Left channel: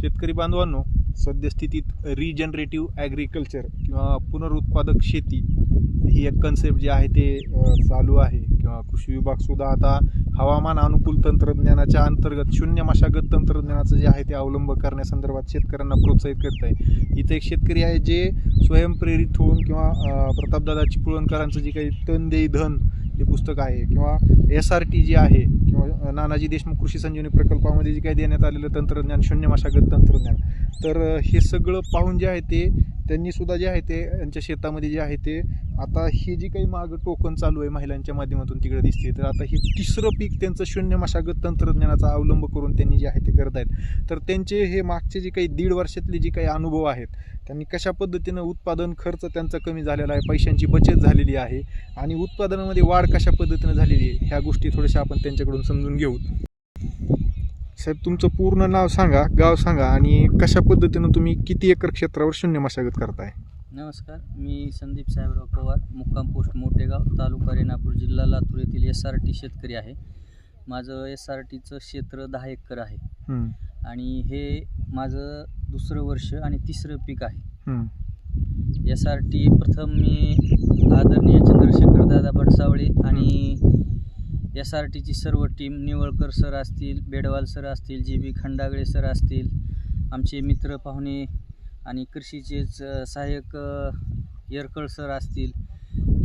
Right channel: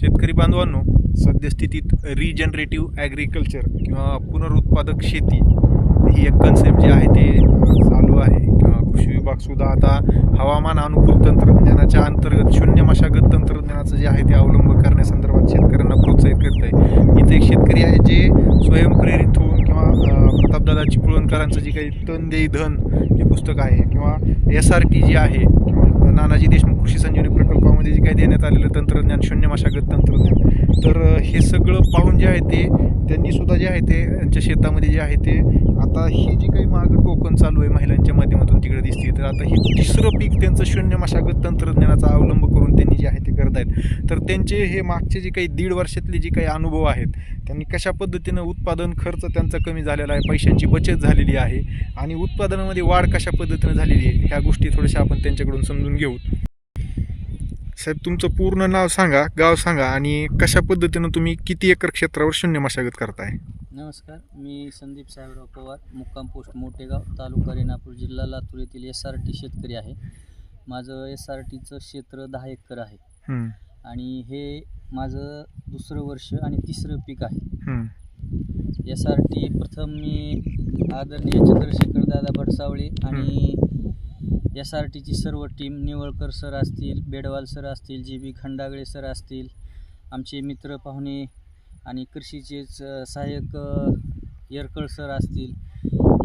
शेतकरी बांधवांनो सद्यस्थितीत रिजनरेटिव्ह ॲग्रिकल्चर किंवा पुनरुत्पादक शेती ही एक कन्सेप्ट जी आहे ते चालू आहे. किंवा कृषी विभागसुद्धा आता हवामान अनुकूल तंत्रज्ञानाच्या अंतर्गत शून्य मशागत तंत्रज्ञानाचं जे आहे ते अवलंब करण्यासंदर्भात शेतकऱ्यांना प्रोत्साहित करत आहे इथे एक शेतकरी आहे जे स्वयंप्रेरित होऊन किंवा प्रतापदादा चिपळूणकरांचं जे काही तन देई धन हे पुस्तक आहे किंवा एस आर टी जी आहे किंवा नानाजी देशमुख कृषी संजीवनी प्रकल्पामध्ये जे काही देण्यात आलेलं तंत्रज्ञान शून्य मशागत तंत्रज्ञान. तर हे सगळं पाहून जे आहे ते त्यांनी सुद्धा जे आहे ते त्यांच्या शेतामध्ये जे आहे ते आता हे जे काही मागं टोकन चालू आहे महिलांच्या माध्यमातून तिकडे दिसते तर आता हे तिसरं पीक त्यांचं शून्य मशागत तंत्रज्ञानाचा अवलंब करून त्यांनी जे आहे ते करत आहेत. तर त्यांचे हे मागचे जे काही दीड वर्षातले जे काही अनुभव आहेत त्यांनी कशा पद्धतीनं उत्पादन खर्च त्यांचा कमी झालेला आहे पैशांची बचत झालेली आहे आणि उत्पादनामध्ये वाढ कशा पद्धतीनं झालेली आहे ह्या गोष्टी थोड्याशा आपण त्यांच्याकडून समजून घेऊ. साहेब तुमचं पूर्ण नाव सांगा गाव सांगा आणि कशा पद्धतीनं तुम्ही किती एकर क्षेत्रावर शून्य मशागत करताय? नमस्कार मी संदीप साहेबराव पवार मुक्काम पोस्ट मोठेगाव तालुका रेणापूर जिल्हा लातूर येथील एस आर टी शेतकरी आहे. माझं एस आर टीचं क्षेत्र दहा एकर आहे. हम्म, आणि हे माझं दुसरं वर्ष आणि तिसरं पीक आहे. हम्म, एस आर टी प्रथम मी आदरणीय चंद्रशेखर दादा भडसावळे आणि एस आर टीची सर्व टीम निवळकर सर असतील बेडवाल सर असतील जी बी खंडागळे सर असतील आमचे मित्र पाहुणे आणि कृषीचेच सहाय्यक येरकळ सर असतील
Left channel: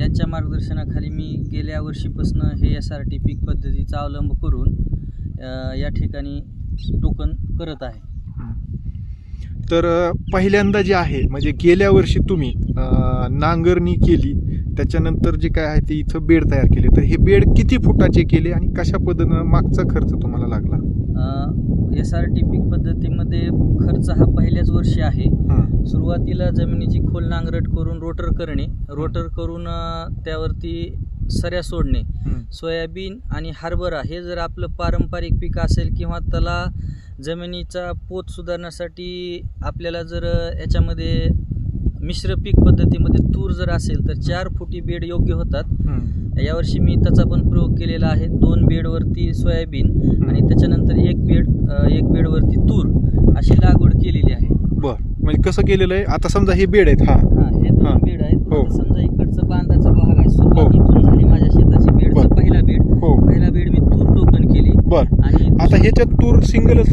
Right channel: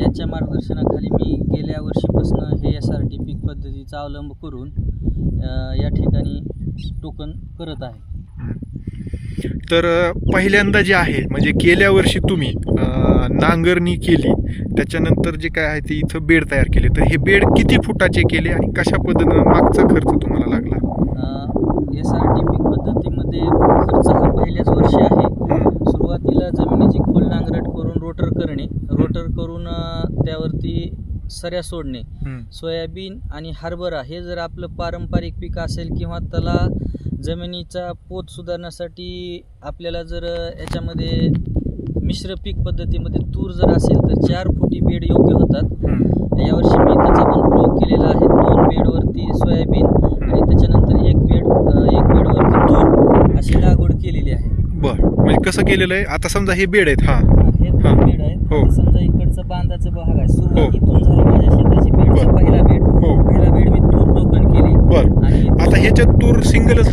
यांच्या मार्गदर्शनाखाली मी गेल्या वर्षीपासून हे एस आर टी पीक पद्धतीचा अवलंब करून या ठिकाणी टोकन करत आहे. तर पहिल्यांदा जे आहे म्हणजे गेल्या वर्षी तुम्ही नांगरणी केली त्याच्यानंतर जे काय आहे ते इथं बेड तयार केले. तर हे बेड किती फुटाचे केले आणि कशा पद्धतीनं मागचा खर्च तुम्हाला लागला? एस आर टी पीक पद्धतीमध्ये खर्च हा पहिल्याच वर्षी आहे. सुरुवातीला जमिनीची खोल नांगरट करून रोटर करणे रोटर करून त्यावरती सऱ्या सोडणे सोयाबीन आणि हरभरा हे जर आपलं पारंपरिक पीक असेल किंवा त्याला जमिनीचा पोत सुधारण्यासाठी आपल्याला जर याच्यामध्ये मिश्र पीक पद्धतीमध्ये तूर जर असेल तर चार फुटी बेड योग्य होतात. यावर्षी मी त्याचा पण प्रयोग केलेला आहे. दोन बेडवरती सोयाबीन आणि त्याच्यानंतर एक बेड एक बेडवरती तूर अशी लागवड केलेली आहे. बर. म्हणजे कसं केलेलं आहे? आता समजा हे बेड आहेत हा. हा. दोन बेड आहेत. हो. समजा इकडचा बांधाचा भाग आहे. सुरुवात हो. इथून झाली माझ्या शेताची बेडचा बर. पहिला बेड. हो. पहिला बेड मी तूर टोकन केली. बर. आणि आता ह्याच्यात तूर सिंगलच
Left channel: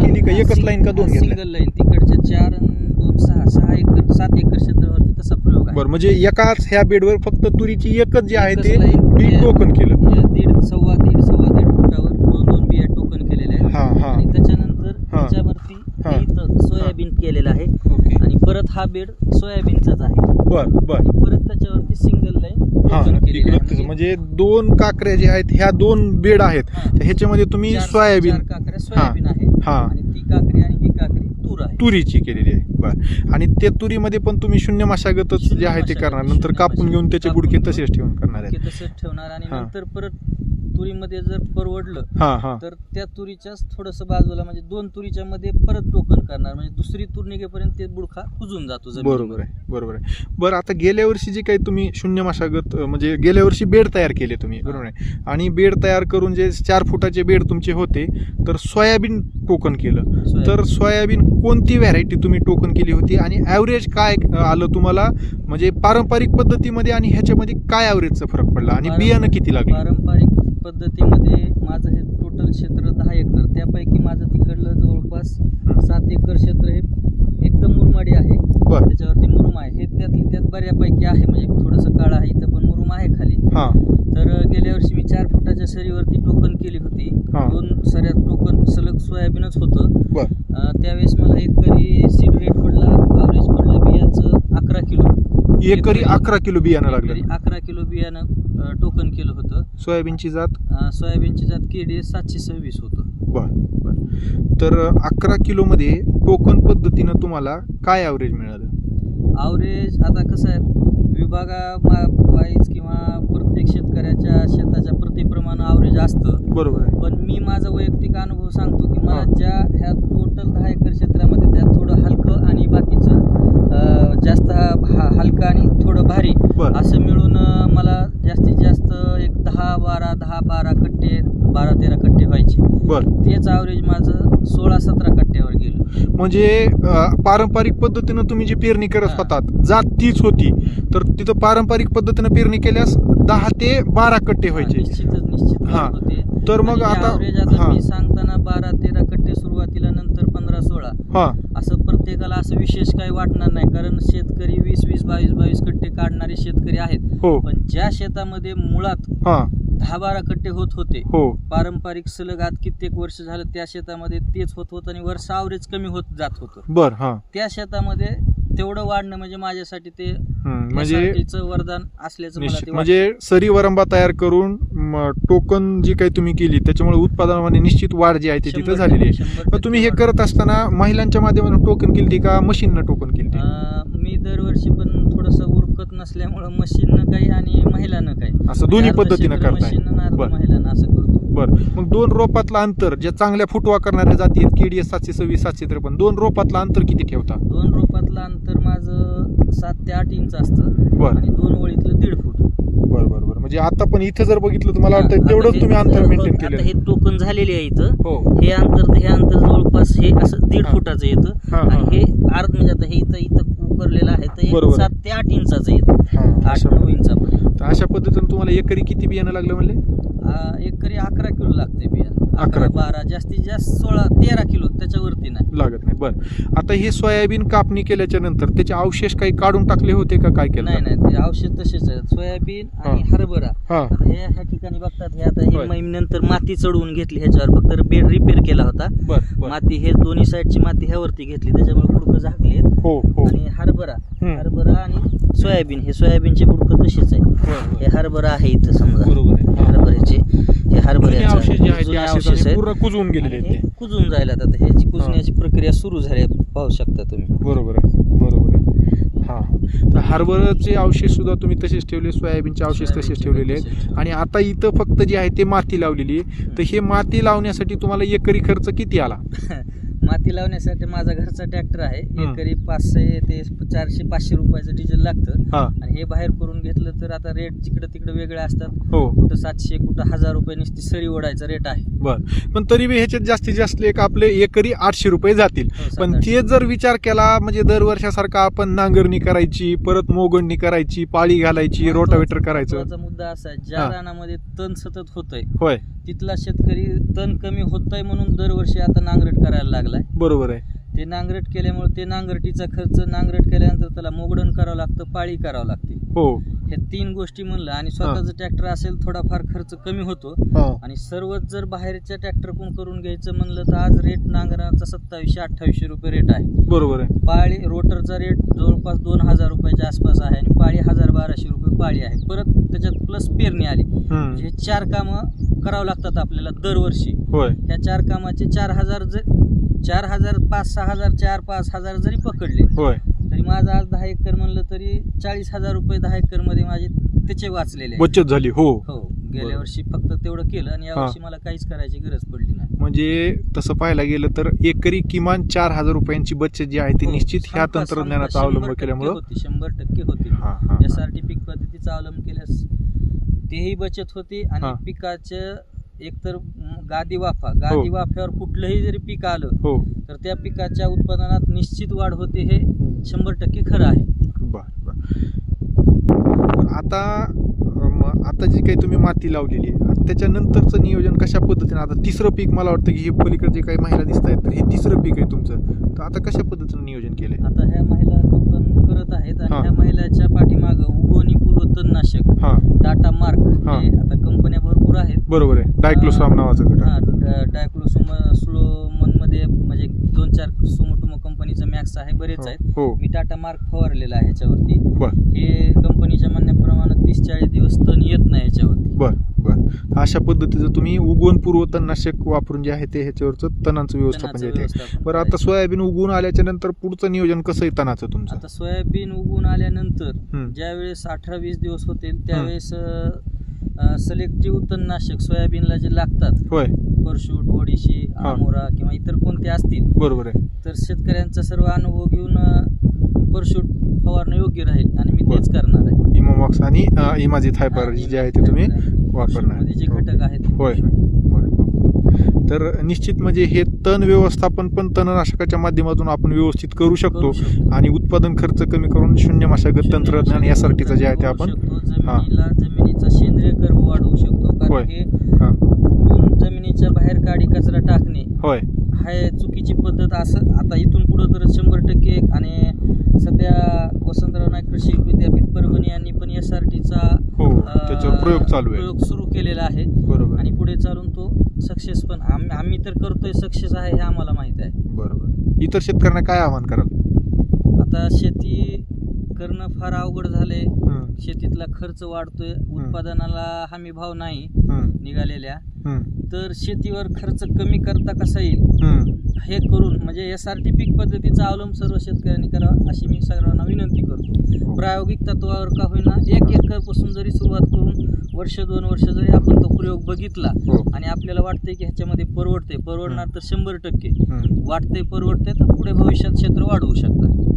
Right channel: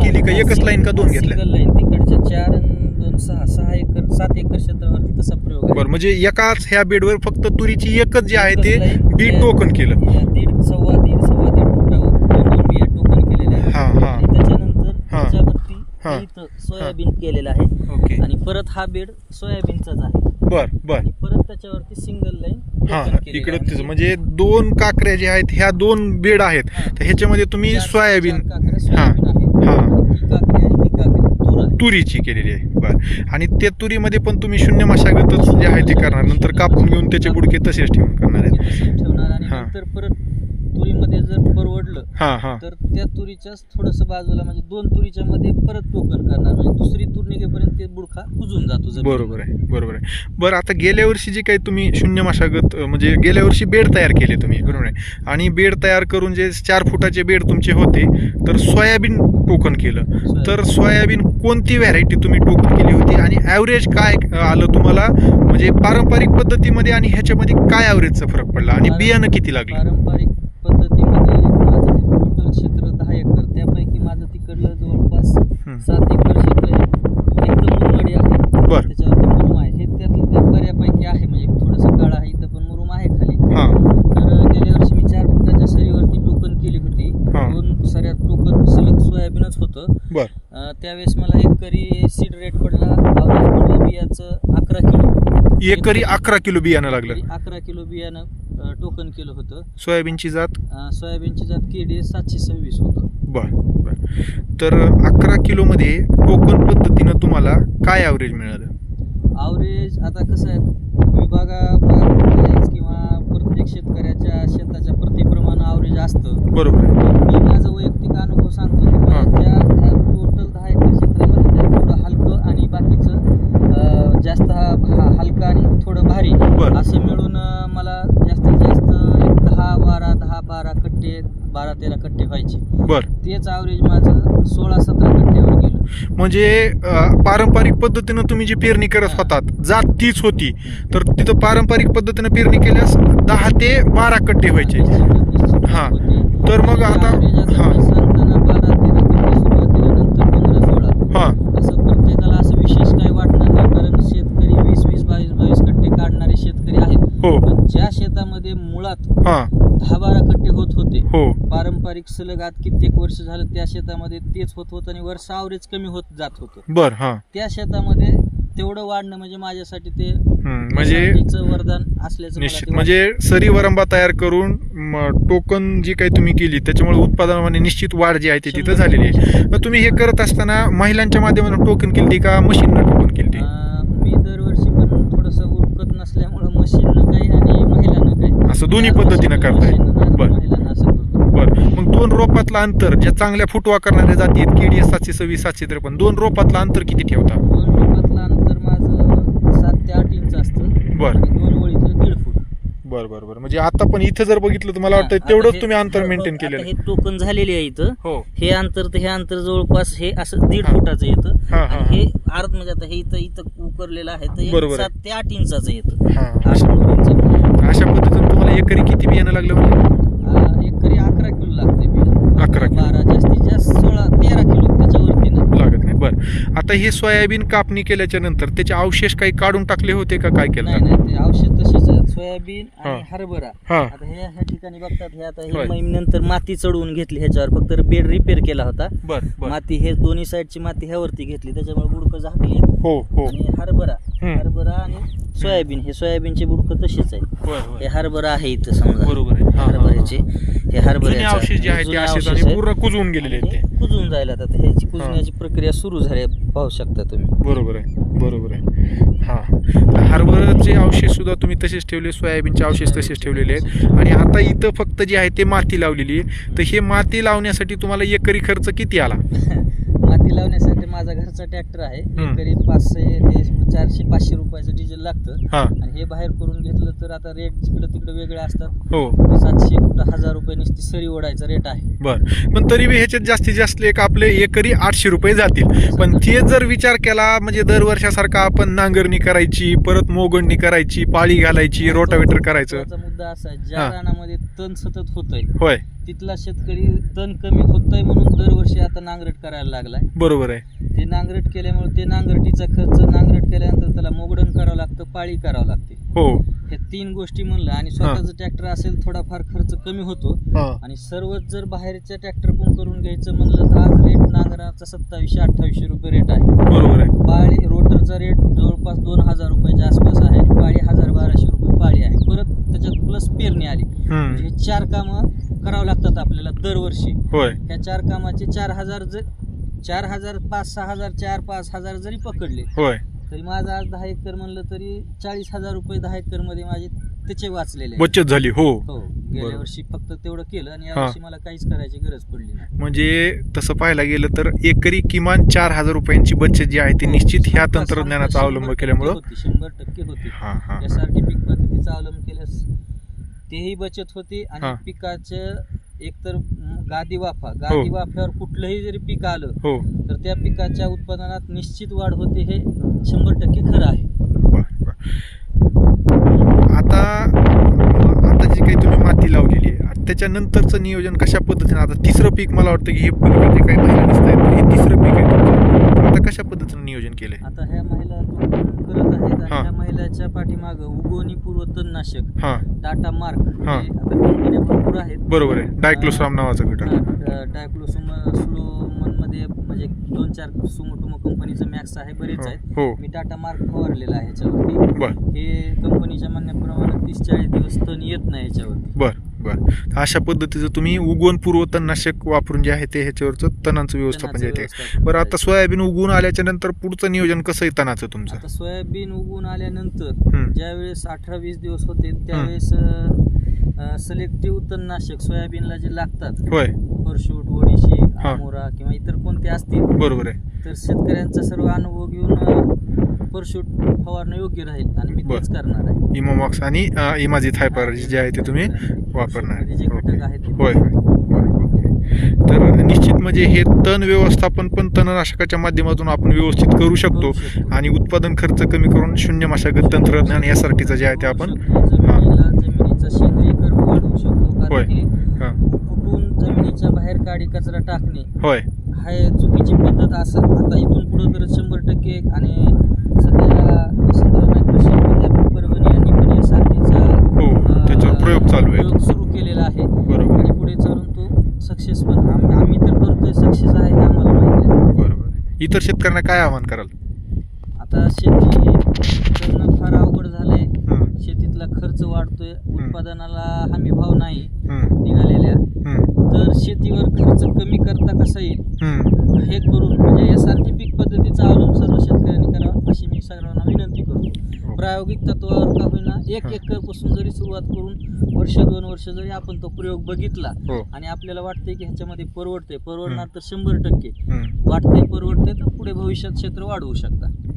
केली का? एकच लाईन का दोन घेतल्या? सिंगल लाईन तिकडच्या चार आणि दोन सहा. सहा एकर सात एकर क्षेत्रावरती तसा प्रयोग आहे. बरं म्हणजे एकाच ह्या बेडवर फक्त तुरीची एकच जे आहे ते एकच line बी टोकन केलं. दीड सव्वा दीड सव्वा दीड फुटावर दोन दोन बिया टोकन केलेल्या आहेत हा हा आणि त्याच्यानंतर हा. त्याच्यावरती हा. इथं सोयाबीन केलेलं आहे. ओके. आणि परत हा बेड सोयाबीनचाच आहे. बर बर. परत त्याच्यावरती सिंगल लाईन हा इकडे म्हणजे दोन काकऱ्या जे आहेत ह्या दोन बेड आहेत. तर ह्याच्यामध्ये तुम्ही सोयाबीन आहे हा. ही. आहे. तुरीची केलेली आहे. बर. आणि त्या तुरीमध्ये पण तुम्ही शून्य मशागतच जे आहे ते करणार. नंतर कापून घेऊन त्याचे बुडके तसेच ठेवून करणार आहेत. तुरीमध्ये जर परवडलं हा हा. तर त्या तुरीच्याच थोडंसं बाजूला म्हणजे दोन तुरीच्या मध्ये परत टोकन करणार. म्हणजे दुसरी तूर निघेपर्यंत ते बुडखा कुजून जातो. बरोबर आहे बरोबर आहे. बरं आता गेल्या वर्षी जे काही तुम्ही शून्य मशागत म्हणजे गेल्या वर्षी बेड तयार केले तुम्ही बरोबर आहे. आणि बेड तयार करून जे चार फुटाचे बेड तुमचे होते तर सोयाबीन टोकन केलं. तर सोयाबीन कोणती व्हरायटी तुम्ही टोकन केली होती? आणि ॲव्हरेज काय आलं तुम्हाला? म्हणजे पारंपरिक पद्धतीमध्ये आणि ह्याच्यामध्ये काय ॲव्हरेजचा फरक पडला? आणि बियाणं किती लागलं? पारंपरिक पद्धतीमध्ये माझं हे टोटल क्षेत्र दहा एकर त्यापैकी माझं तिकडलं जवळपास सात एकर क्षेत्र हे एकदम मुरमाडी आहे. बरं. त्याच्यावरती मुरुम आहे. हे त्यातलं त्यात बऱ्यापैकी आहे म्हणजे थोडंसं काळ आहे इथं पण मुरुम आहे खाली. हां. तर गेल्या वर्षी मी चार फुटाच्या सरीवरती टोकन केली होती. हा. दोन सऱ्या टोकन सलग सोयाबीनच होतं. बरं. अ, त्यावेळेस मला एकरी सीड रेट पडला पडलं बियाचं अकरा किलो. एकरी अकरा किलो बियाणं लागलं. अकरा किलो बियाणं. टोकन केलं होतं. सोयाबीनची जात? अ, सोयाबीनची जात केडी सातशे सव्वीस होतं. बर बर. तर अकरा किलोमध्ये टोकन पद्धतीनं तुम्हाला काय ॲव्हरेज मिळालं? आवरेज आता कसं आहे विभागावाईज किंवा प्रत्येक शेतकऱ्याच्या शेताच्या प्रतिप्रमाणे आवरेज असतं. बरोबर आहे. पण मी माझा वैयक्तिक अनुभव सांगतो की. माझ्या ह्या टोटल दहा एकर क्षेत्रामध्ये त्यात थोडं हलकं आणि बाकीचं जास्त हा- हलकं आणि थोडं भारी बरं. असं मिळून मला जास्तीत जास्त एक दहा बारा दहा बारा कट्टे बारा तेरा कट्टे व्हायचे. बरं. तेच ॲव्हरेज माझं सोळा सतरा कट्ट्यावर गेलं. म्हणजे पारंपरिक पद्धतीनं तुम्ही जी पेरणी करत. होतात जात तीच होती. तर तिथं पारंपरिक पद्धतीनं पेरणी केल्यास दहा ते बारा कट्टे व्हायचे. हा. तर मग आणि आता हा. सांगताना बारा तेरा कट्टे सुरुवातीला नंतर पंधरा सोळा हा. असं प्रत्येकाला असं विशेष काही वाटणार नाही कारण शेतकरी वीस वीस बावीस बावीस कट्टे काढणारे शेतकरी आहेत. हो. पण ज्या शेतामध्ये मुळात हा. दहा बारा कट्टे होत होते हो. पारंपरिक सलग आज कित्येक वर्ष झालं त्या शेतामध्ये तेच होत होतं आणि वर्ष आवरेज कमी होत जात होतं. बर हा. त्या शेतामध्ये तेवढं वाढणं म्हणजे माझ्यासाठी ते म्हणजे SRT चं वरदान असल्याचं मला निश्चित. ते म्हणजे सरी वरंबा तयार करून म, टोकन जी काही तुम्ही केली त्याच्यामुळे उत्पादनामध्ये निश्चित वाढ जी आहे ती तिथं झालेली आहे. शंभर मग तुम्ही हे टक्के. करत असताना महिलांच्या माध्यमातून टोकन केली का मशीननं टोकन केली अं, मी दरवर्षी पण थोडंसं उरकत नसल्यामुळं मशीननं काही आणि महिलानं काही. असं दोन्ही पद्धतीनं करताय. बर. महिलानं असं करतो बर. मग दोन रोपातलं अंतर ज्या चांगल्या फुटवा करणाऱ्या जाती आहेत केडी सातशे सव्वीस सातशे त्रेपन्न दोन रोपातलं अंतर किती ठेवता? दोन रोपातलं अंतर माझं सात ते आठ इंच असतं. बर. आणि दोन ओळीतलं दीड फूट. बर बर बर. म्हणजे आता पण इथं जर बघितलं तर मला वाटतं तेवढंच तुम्ही अंतर मेंटेन केलेलं हे टोकन झालेले आहे इथं. हो. हे अंतर ते हे अंतर जवळपास हे असं दीड हा. फुटाचं येतं हा, हा, आणि हे अर्ध म्हणजे आता हे इथं इथं उकरलेलं आहे तर बरोबर हे. सात ते आठ इंचाचं येतं हा. आठ अशा नऊ इंचापर्यंत तर अशा पद्धतीने तुम्हाला एकरी किती बियाणं लागलं म्हणजे एकरी अकरा किलो लागते बिया. अकरा किलो. बारा जास्तीत जास्त सोळा तेरा किलो त्याच्यावरती नाही. लागत नाही. बरं. आता हे सोयाबीन कापणी केल्याच्यानंतर त्याचे अवशेष काही काढून टाकले होते का? काय केलं नाही नाही ते औषध तसेच आहे सोयाबीन आणि हा. हरभरा. हा. आता हे ह्या ठिकाणी बघतात हे आता होय. हे मी नंतर माती चढवून घेतली ह्याच्यावर. फक्त बेड रिपेअर केला होता. बर बर. माती हे दोन्ही साईडची माती ह्यावरती घेतली. त्याच्यामुळे बुडकं झाकली आहेत. हो हो. आणि हरभरा. हम्म. हरभरा आणि सोयाबीन. हे सोयाबीनचे बुडकं तसेच आहे होय, हे. हरभरा आहे इथं समजा. बरोबर आहे. हा, हे. जुने अवशेष जे आहेत ते असेच आणि पूर्ण कुजवून गेलेले आहेत हे ते. कुजून जायला आता ह्याची कुजण्याची प्रक्रिया सुरू झाली आहे. पाहू शकता तुम्ही. बरोबर आहे बरोबर आहे. हा. तर हरभऱ्याचे अवशेष सुद्धा तुम्ही तसेच ठेवले सोयाबीनचे अवशेष तसेच ठेवलेले आहेत. आणि आता इथं फक्त जे आहे ते माती लावलेली आहे. तर हे माती लावण्यासाठी तुम्हाला एकरी खर्च किती आला? माती लावण्यासाठी माझा घरचा ट्रॅक्टर आहे. एकरी पाचशे ते चारशे पाचशे रुपयाचं डिझेल लागतं. हा. आणि हे बाहेर करून घेतलं तर आता रेट जिकडं तिकडं वेगळे असतात. हो. कुठं सातशे कुठं हजार रुपये नुसती सरी ओढायचा रेट आहे. बर. पण तरी बी ह्याच्यात जास्तीत जास्त एक आपले एकरी आठशे रुपये जातील. पण ते जर विचार केला म्हणजे दरवर्षासारखा आपण नांगरणी करायची परत मोगणणी करायची पाळी घालायची रोटावेटर करायचं. मुद्दा असा आहे. ज्या हा. रानामध्ये तण सतत होतंय होय. तिथला शेतकरी तण कमी होतंय म्हणून दरवर्षी आता नांगरट करायला लागलाय. बरोबर आहे. ते नांगरट केल्यामुळे ते नांगरटीचा खर्च नांगरट केल्यानंतर त्याला मोगडण करावं लागतं पाळी करावं लागते. हो. हे तीन गोष्टी म्हणलं आणि स्वतःचं ट्रॅक्टर असेल थोडाफार खर्च कमी होतो. हा. आणि सर्वच जर बाहेरच्या ट्रॅक्टर कोण करून घ्यायचं म्हणलं तर आज रेट नांगराचा सत्तावीसशे अठ्ठावीसशे रुपये रेट आहे. बरोबर आहे. पाळी रोटरचा रेट जवळपास दोन हजार रुपयाच्या आसपास आहे आणि पाळी हजार बाराशे रुपये पाळी आहे. परत त्याच्यात प्लस पेरणी आली. हम्म. म्हणजे हे चार कामं करावं लागतात आपल्याला दरवर्षी. होय. ह्या चार कामाचे चार हजार जर चार हजार पाच सहा हजार चार पाच हजार जरी पकडले होय. तरी माझं आज दहा एकर म्हणलं तरी चाळीस हजार रुपये दहा एकरमध्ये माझे त्याचे वाचलेले आहेत. बचत झाली हो. हो गेल्या. वर्षी फक्त तेवढं केलं आणि यावर्षी मला काहीच करायची गरज पडली नाही. म्हणजे तसं पाहायला गेलं तर एकरी किमान चार हजार रुपयांची बचत जी आहे ती हो, निश्चित ह्या शंभर- तंत्रज्ञानाचा शंभर अवलंब टक्के केल्यामुळं होती शंभर टक्के होती. हा हा एस आर टी पीक पद्धतीचा अवलंब केल्यास तेही बचत होती हा. आणि पिकाचं एकतर म, गादी वाफा गादी वाफ्यावर कुठलंही जरी पीक आलं हो. तर त्या पिकाच्या उत्पादनात निश्चित वाढ होते हे शंभर टक्के खरं आहे. बर बर. आता आता जी काही तुम्ही माती लावलेली आहे आता त्याच्यानंतरचं नियोजन कशा पद्धतीने? आता तिसरं पीक मला वाटतं की हे पलीकडे जे काही महिला दिसत आहेत हे तिसरं पीक आहे तुमचं. आता कशा पद्धतीने नियोजन केलंय? आता ह्या महिला करत आहेत आणि हा. ह्या महिलाच्या पाठीमागं तणनाशक हा. टाटा मार्क हा. हे आता कंपन्या भरपूर आहेत. बरोबर आहे. डायक्लोसराम नावाचं घटक डायक्लोसोम स्लोमनमध्ये म्हणजे दोन चार सुमोटोमो कंपनीचं मॅक्स आहे बरेच आहेत. हो. मी टाटा मार्क फवारलेला आहे ह्याच्यावरती बर. हे कंपनीच्या म्हणण्याप्रमाणे तीस चाळीस दिवस तण येत नाही ह्याच्यावरती बर. बर अशा पद्धतीचं तुम्ही उगवण पूर्व तणनाशक वापरून जे आहे ते ह्याच्यावरचं तणांचं व्यवस्थापन जे आहे ते. बरं आता. सोयाबीन उगवून आल्याच्यानंतर पुढचं नियोजन कसं आहे तणाचं तुमचं? आता सोयाबीन उगवून आल्यानंतर. ज्यावेळेस अठरा वीस दिवस होतील त्यावेळेस सिलेक्टिव्ह तणनाशक सोयाबीनला जे लागतात होय. परशूट ओडिशी आमोरा किंवा इतर कोणते असतील बरोबर आहे. तर शेतकऱ्यांचा सर्व अनुभव घेऊन परशूट फवारणं योग्य राहील आणि मी. तेच करणार आहे. इमोमॉक्स आणि इमाजित हायपर जे आहे ते तुम्ही वापरणार परशूटमध्ये जे ओके. घटक आहेत ते होय होय. तर निश्चित म्हणजे हे तण व्यवस्थापन पण तणनाशकाच्या माध्यमातून आपण व्यवस्थित करू शकतो. आणि उत्पादन खर्च कमी करून शून्य मशागत तंत्रज्ञान यासाठीचं जे आहे ते आपण जमिनीचा सेंद्रिय कर्ब वाढवू शकतो. होय. जमिनीच्या बाहेर काडी कचरा टाकणे होय. हा चुकीची पद्धत असं आता इथून पुढं तर शंभर टक्के. आणि सध्या वसंतराव नाईक कृषी विद्यापीठ परभणी यांनी पण एस प्रयोग चालू आहे प्रयोग सुरू केलेला आहे. बरोबर. आणि पुढे चालून तो सक्सेस पण आम- आम्ही तर करतोय सक्सेस आहे हे आम्हाला माहिती आहे. बरोबर. इतर शेतकऱ्यांना काय आवाहन कराल? आता शेती करणं फार अवघड झालंय. शेतीतला खर्च वाढतोय उत्पादनाला हमी भाव नाही हं, निघालेल्या. हं, तर शेतीवर खर्च कमी करता कसा येईल? हं. हे करून म्हणजे एस आर टी पीक पद्धतीचा अवलंब सर्व शेतकऱ्यांनी करावा अशी मी सर्वांना विनंती करतो. प्रायोगिक तत्वावर का होईना एक एकरपासून जरी सुरुवात करून वर्ष दोन वर्ष जरी आपण तो प्रयोग बघितला हो. आणि आपल्याला वाटतंय की ह्याच्यामध्ये परवडते परवडणार तर शंभर टक्के. हं. वाटतंय परवडते तर पुढे भविष्यात क्षेत्र वाढवू शकतात.